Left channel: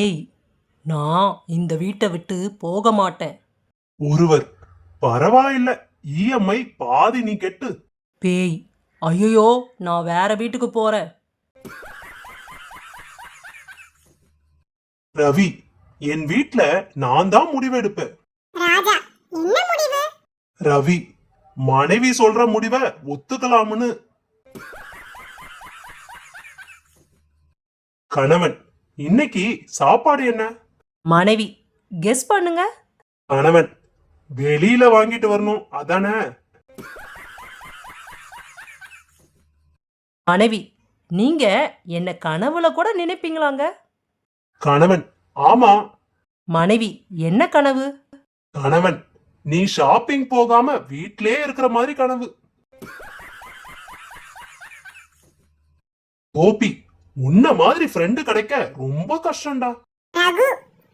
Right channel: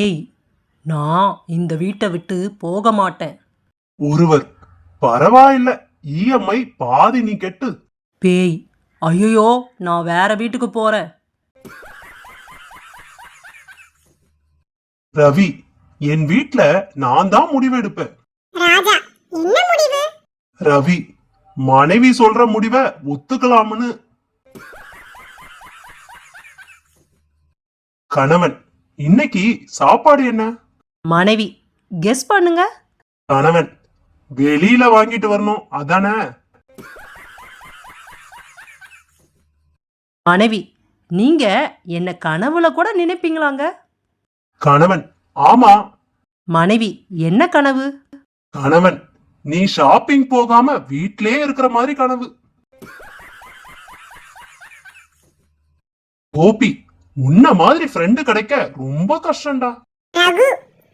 ஏய், நான் இந்த வீட்டை விட்டு போக மாட்டேன். ஒருவர், பரவாயில்ல, இஎம்ஐ பாதி நீ கெட்டு. பேய், ஐயோ, நான் வேற வீட்டுக்கு போறேன். ரவி, என் வீட்ல நான் தான் முடிவெடுப்பேன். ராஜா, என்ன முடிவு? ரவி, மனைவி சொல்ற முடிவை ஒத்துக்கலாம்னு. கணவன், இன்னைக்கு சாப்பாடு என்ன? மனைவி, கெஸ் பண்ணுங்க. கணவன், வெளியில வாங்கிட்டு வரணும் அதானே? மனைவி, நீங்க என்ன கனவுல கூட நினைப்பீங்களாங்க? கணவன், ஆமா. மனைவி, என்ன கனவு? கணவன், நீ ஷாப்பிங் போகாம வீட்லயே இருக்கிற மாதிரி கனவு. கோபி, உன்ன மாதிரி ஃப்ரெண்டு கிடைக்க ரொம்ப கஷ்டம்டா. ரகு,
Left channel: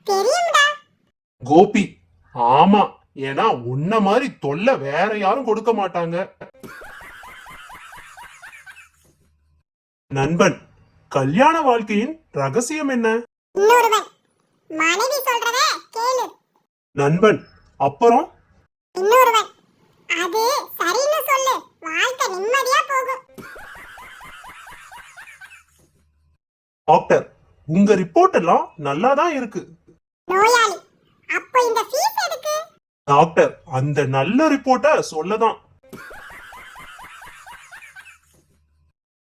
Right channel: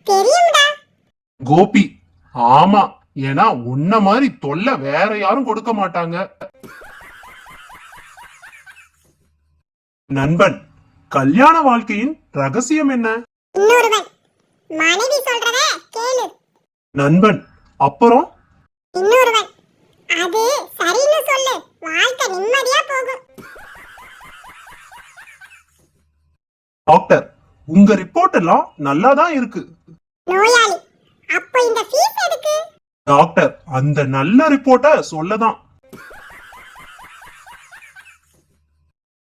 தெரியும்டா. கோபி, ஆமா, ஏன்னா உன்ன மாதிரி தொல்லை வேற யாரும் கொடுக்க மாட்டாங்க. நண்பன், கல்யாண வாழ்க்கையின் ரகசியம் என்ன? இன்னொருவன், மனைவி சொல்றத கேளு. நண்பன், அப்புறம்? இன்னொருவன், அது சரின்னு சொல்லு, வாழ்க்கை நிம்மதியா போகும். டாக்டர், உங்க ரிப்போர்ட் எல்லாம் நல்லா தான் இருக்கு. நோயாளி, அப்ப இந்த ஃபீஸ் எதுக்கு? டாக்டர், அந்த நல்ல ரிப்போர்ட்ட சொல்லதான்.